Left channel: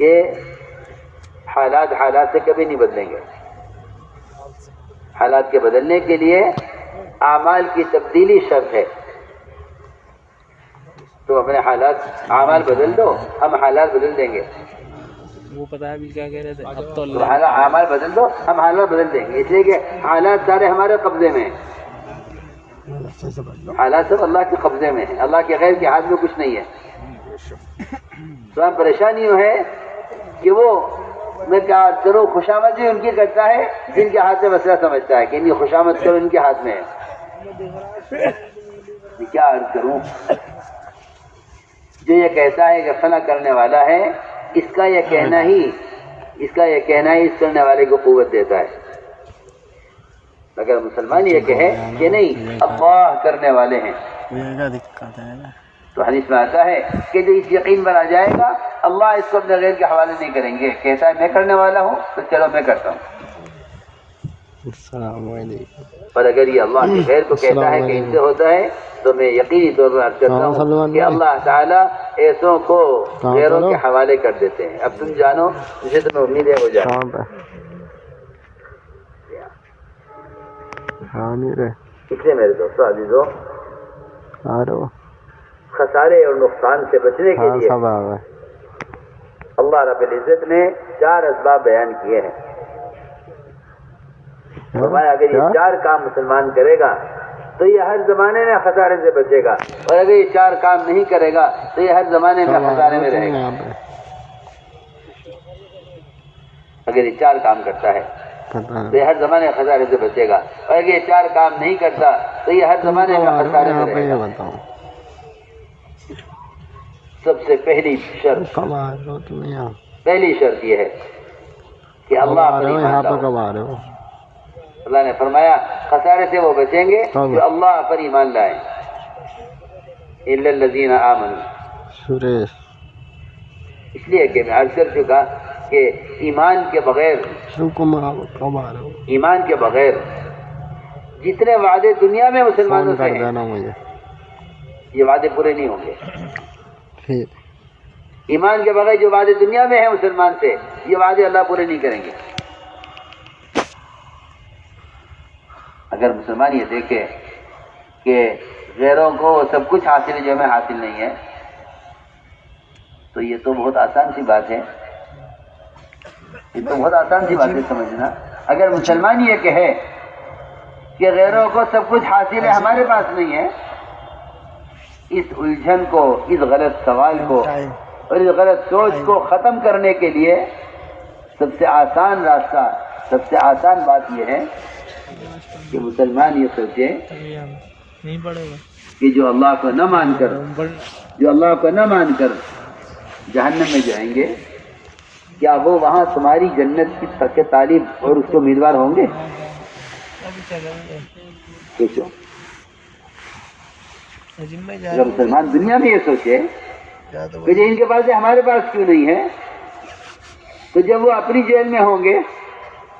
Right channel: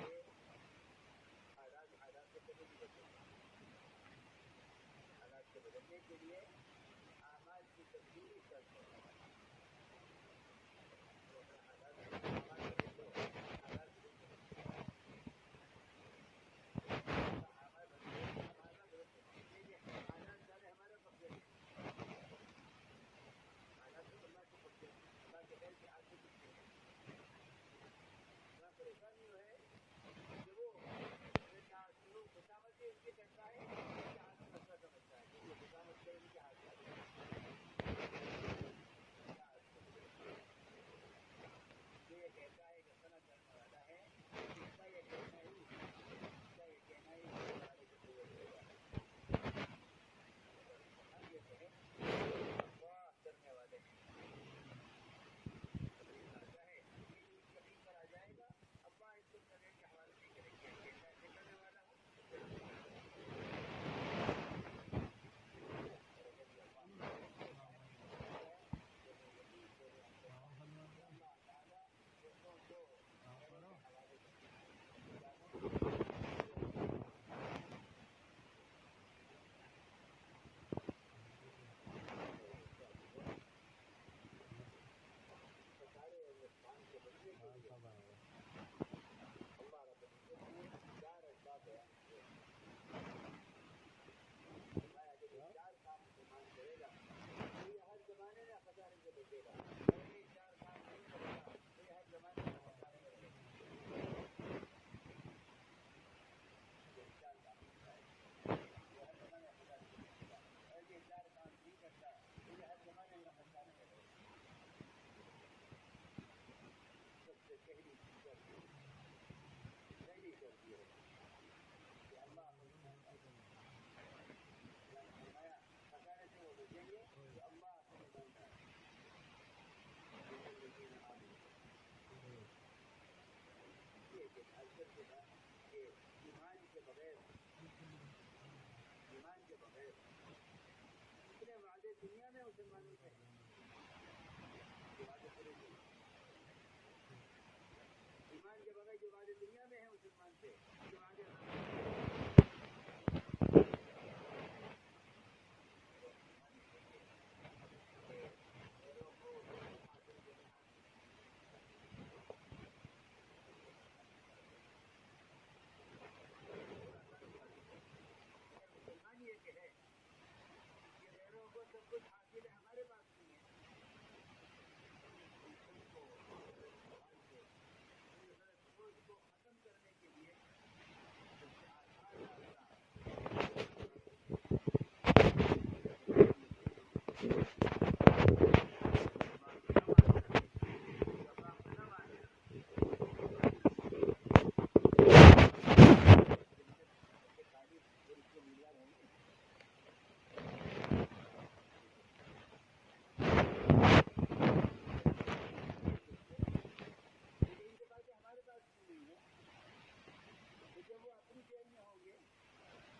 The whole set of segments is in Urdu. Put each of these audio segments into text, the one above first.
کہ حالات سے کبھی نہیں بدلیں گے. حالات کے بدلنے کے لیے اعمال کی تبدیلی شرط ہے. تو اپنے اعمال بدل دو، ہم حالات بدل دیں گے. وہ پتہ ہے ابھی کیا کہہ رہے تھے؟ اب تو اعمال بدل دو، ہم حالات بدل دیں گے. اس لیے کہ حالات سارے ہمارے قبضے میں ہیں. حالات سب اللہ کے قبضے میں ہیں، اللہ کے غیر کے ہاتھ میں کچھ نہیں ہے. تو ہم پریشانی ہے کہ وہ میں کیا عرض کروں، خوشامد بھی ان کی کرتا ہے جن کے ہاتھ میں مسئلہ سمجھتا ہے کہ ان کی خوشامد کرو، ان کے ہاتھ میں ہے. کیا عرض کروں، جو یہ کہتا ہے کہ فنا کرنے والا ہے، اس کا یہ کہنا ہی اس کرنے والے کو قوت دیتا ہے. اگر مسلمان یہ کہے کہ نہیں اللہ کرنے والے ہیں، تو حدیث میں آتا ہے کہ جو اس یقین پر آ جائے گا اللہ اس کو اپنے غیر کے حوالے نہیں کریں گے. کہتا ہے میں کرنے والا ہوں تو چلو میں کرتا ہوں. السلام علیکم. پر اگر یہ اللہ کے غیر کو کہتا ہے کہ ان سے ہوتا ہے تو میں یقینی طور پر عرض کرتا ہوں کہ اللہ تعالیٰ ایسوں کو غیروں کے حوالے کر دیتے ہیں. اب تم جانو جسے تمہیں امید ہے وہ جانو. اس لیے میرے دوستو عزیزو، خسارے اور نقصان سے بچنے کے لیے اللہ رب العزت نے 4 اسباب بیان کیے ہیں. فرمایا اگر یہ 4 کام مسلمان کرے گا تو یہ ہر زمانے میں خسارے سے بچے گا، اور اگر یہ 4 کام نہیں کرے گا تو یہ ہر زمانے میں خسارے میں رہے گا. اگر یہ 4 کام کرتا ہے تو یہ ہر زمانے میں خسارے سے بچے گا، اور اگر یہ 4 کام نہیں کرتا تو یہ ہر زمانے میں خسارے میں رہے گا. سب سے پہلی شرط یہ ہے کہ اللہ پر ایمان لاؤ. اللہ نے فرمایا خسارے سے وہ بچیں گے جو اللہ پر ایمان لائیں. الا الذین آمنوا، اس لیے کہ میں عرض کر چکا کہ ایمان کے بغیر جتنے وعدے دنیا میں مسلمانوں سے ہیں یہ وعدے پورے نہیں ہوں گے. ایمان کے بغیر جو وعدے دنیا میں ہیں مسلمان سے، یہ وعدے اللہ پورے نہیں کریں گے. اگر مسلمان یہ دیکھے کہ غیروں کو سب کچھ حاصل ہے جو ہمیں حاصل نہیں ہے، تو یہ تو بہت آسان سی بات ہے. یہ تو بہت آسان سی بات ہے سمجھنا. اگر مسلمان یہ کہے کہ غیروں کو سب کچھ حاصل ہے ہمارے پاس نہیں ہے، اس الجھن کو، اس غلط سوال کو اور اس غلط سوچ کو ختم کرنے کے لیے سب سے آسان راستہ، سب سے آسان بات یہ ہے کہ مسلمان یہ سوچے کہ جو اللہ کو نہ مان کر جہنم میں جائیں گے، کیا وہ وہاں تمہاری جنت کے طالب اور اس کے امیدوار ہوں گے؟ سوچو. اگر مسلمان دنیا میں یہ سوچے کہ جو ان کے پاس ہے ہمارے پاس کیوں نہیں ہے، تو جب وہ اپنی جیل میں ہوں گے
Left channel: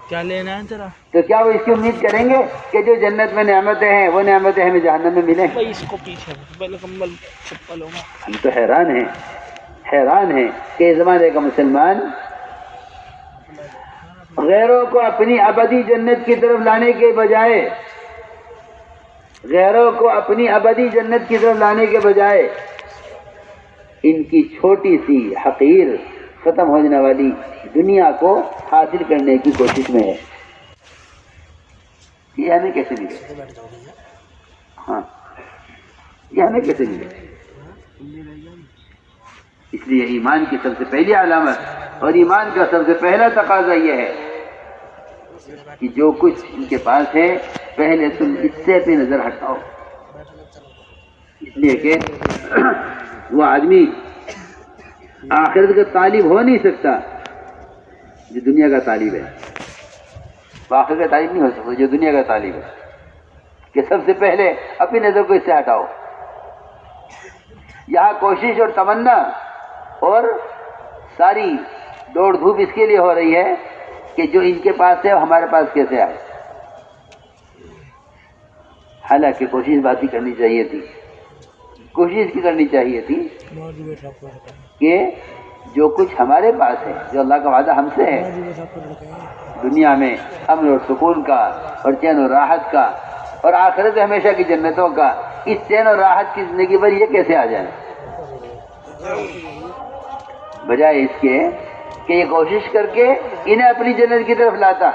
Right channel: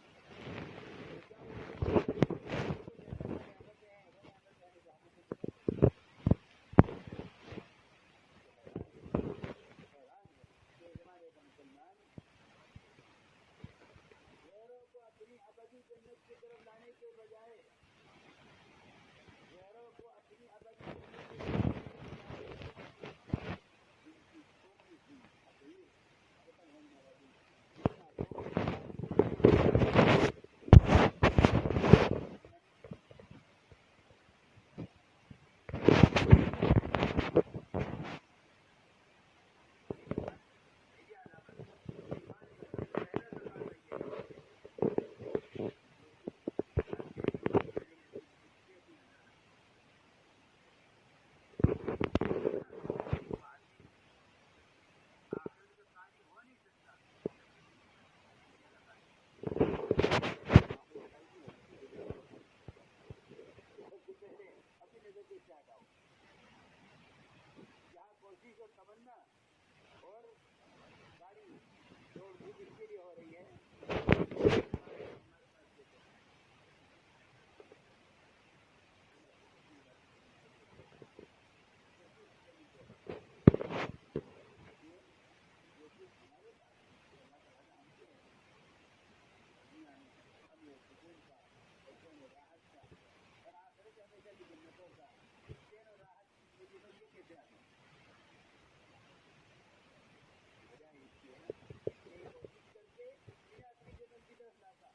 کیا لینا ہے تیرا، تو کیا وہ اس کی امید کریں گے کہ جو جنت میں نعمتیں ہیں وہ نعمتیں ہمیں جہنم میں ملیں؟ اس کو پیچھے ہم تو حیران ہیں کہ اس زمانے کا مسلمان غیروں کو اپنی ابدی جنت کی طرف لانے کے بجائے ان کی چھوٹی سی حقیر ختم ہو جانے والی دنیا کو حاصل کرنے کی کوشش میں ہے. یہ ہمیں کیسے ملے؟ یہ ہمیں کیسے ملے؟ اس لیے ایمان کی سب سے پہلی علامت اور ایمان کا سب سے پہلا تقاضا یہ ہے کہ جو کچھ ان کے پاس ہے پہلے تم اس سے اپنی نظر ہٹاؤ. اس لیے کہ وہ آدمی آخرت کا طالب ہو نہیں سکتا جو دنیا کا طالب ہے. وہ آخرت کا طالب نہیں ہو سکتا جو دنیا کا طالب ہے. کہ سب سے پہلے اپنی نظر کو اس سے ہٹاؤ. یہاں کوشش اور تمنا اور ساری دوڑ دھوپ اس کے لیے ہو رہی ہے کہ جو ان کے پاس ہے وہ ہمارے پاس کیسے آئے. حالانکہ کوشش بات ہی کرنی چاہیے تھی کہ جو کچھ ہمارے پاس ہے، جو اللہ کا وعدہ ہم سے ہے دنیا میں امن اور سکون کا اور چین و راحت کا اور آخرت ہمیشہ کی جنتوں کا، اس چین اور راحت کی زندگی پر یہ کیسے آ جائے؟ بجائے اس کے کہ یہ کوشش کر کے انہیں اپنی جنت کی طرف لاتا،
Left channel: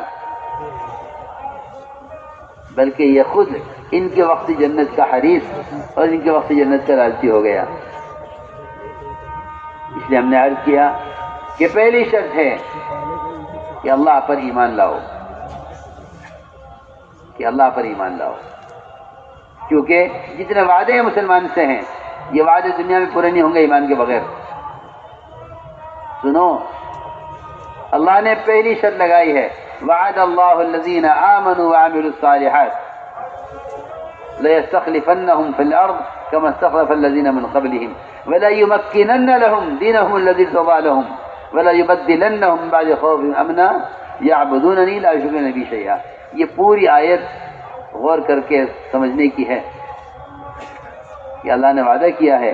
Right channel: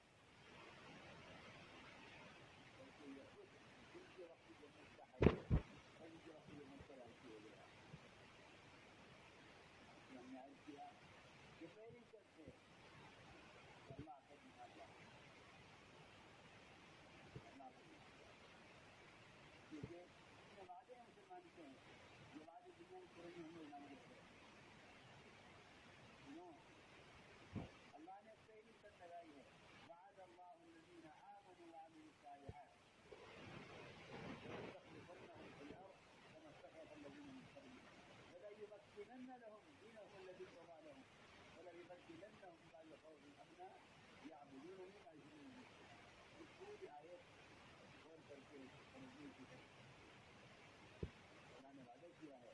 بلکہ یہ خود ان کے وقت جنت کا حریص اور ان کے وقت جنت کا لالچی ہو گیا۔ اس لیے ہم نے عرض کیا کہ پہلی شرط ہے کہ اللہ پر ایمان لاؤ، کہ اللہ پر ایمان لاؤ، کیونکہ جتنے وعدے مسلمان سے ہیں یہ وعدے دنیا میں پورے نہیں ہوں گے ایمان کے بغیر۔ سنو، اللہ نے پہلی شرط لگائی ہے، وعد اللہ الذین آمنوا وعملوا الصالحات لَيَسْتَخْلِفَنَّهُمْ فِي الْأَرْضِ كَمَا اسْتَخْلَفَ الَّذِينَ مِنْ قَبْلِهِمْ وَلَيُمَكِّنَنَّ لَهُمْ دِينَهُمُ الَّذِي ارْتَضَىٰ لَهُمْ وَلَيُبَدِّلَنَّهُمْ مِن بَعْدِ خَوْفِهِمْ أَمْنًا يَعْبُدُونَنِي لَا يُشْرِكُونَ بِي شَيْئًا۔ یہ پوری آیت غور کر کے سمجھنے کی ہے کہ اللہ نے وعدہ کیا ہے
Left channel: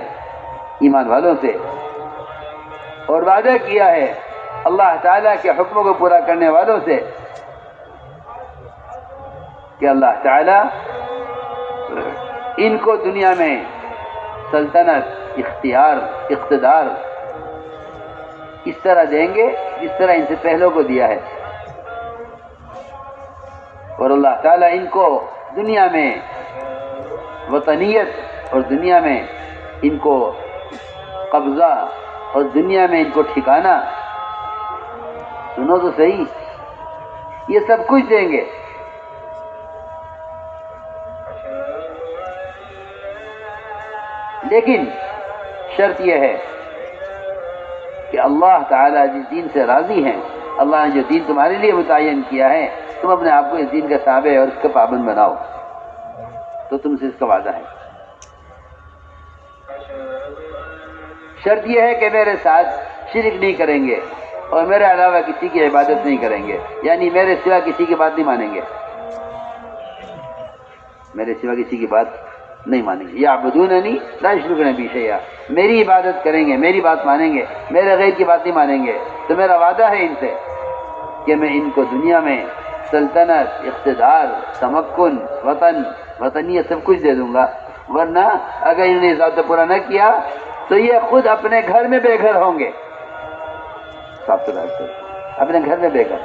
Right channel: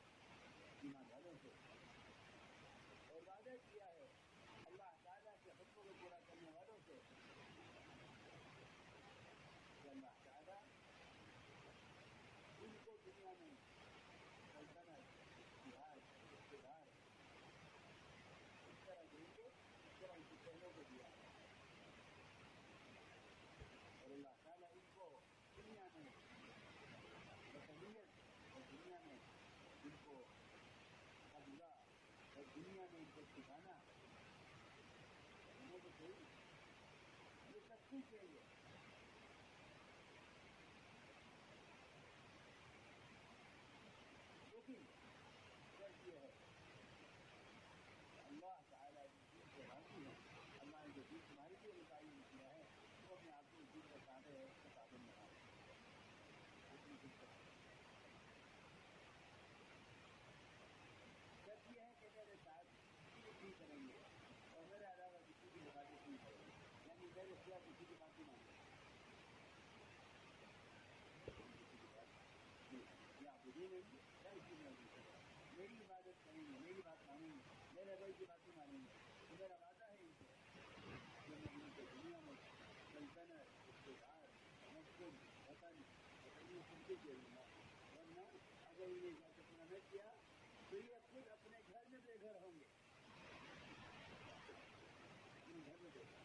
ایمان والوں سے، اور وعدہ کیا ہے اللہ تعالیٰ کے حکموں کو پورا کرنے والوں سے کہ اللہ تعالیٰ ان کو دنیا میں سلطنت، اختیار، اقتدار اس طرح دیں گے جس طرح ان سے پہلوں کو دیا ہے، اور اللہ تعالیٰ ان کو دنیا میں وطنیت اور دنیا میں ان کو قبضہ اور دنیا میں ان کو ٹھکانہ، سنو تو صحیح، یہ سب کچھ دیں گے، لیکن شرط یہ ہے کہ اللہ تعالیٰ جس دین سے راضی ہیں، اللہ نے جو دین تمہارے لیے متعین کیا ہے، تم اپنے آپ کو اس دین کا تابع اور اس کا پابند بناؤ، تو تم سے اس کا وعدہ ہے۔ شرط یہ ہے کہ میرے ساتھ شرک نہیں کریں گے اور میرے علاوہ کسی کی عبادت نہیں کریں گے، یعنی میرے سوا کسی کی بات نہیں مانیں گے، میرے سوا کسی کی بات نہیں مانیں گے۔ یعبدوننی لا یشرکون بی شیئا، میری عبادت کریں گے، میری بات مانیں گے، میرے غیر کی بات نہیں مانیں گے، تو میرا وعدہ ہے ان سے کہ میں ان کو دنیا میں سلطنت، اقتدار، تمکن، وطنیت سب کچھ دے دوں گا، ورنہ اگر انہوں نے ذات پورا نہ کیا تو یہ خود اپنے گھر میں بے گھر ہوں گے، اپنے گھر میں بے گھر۔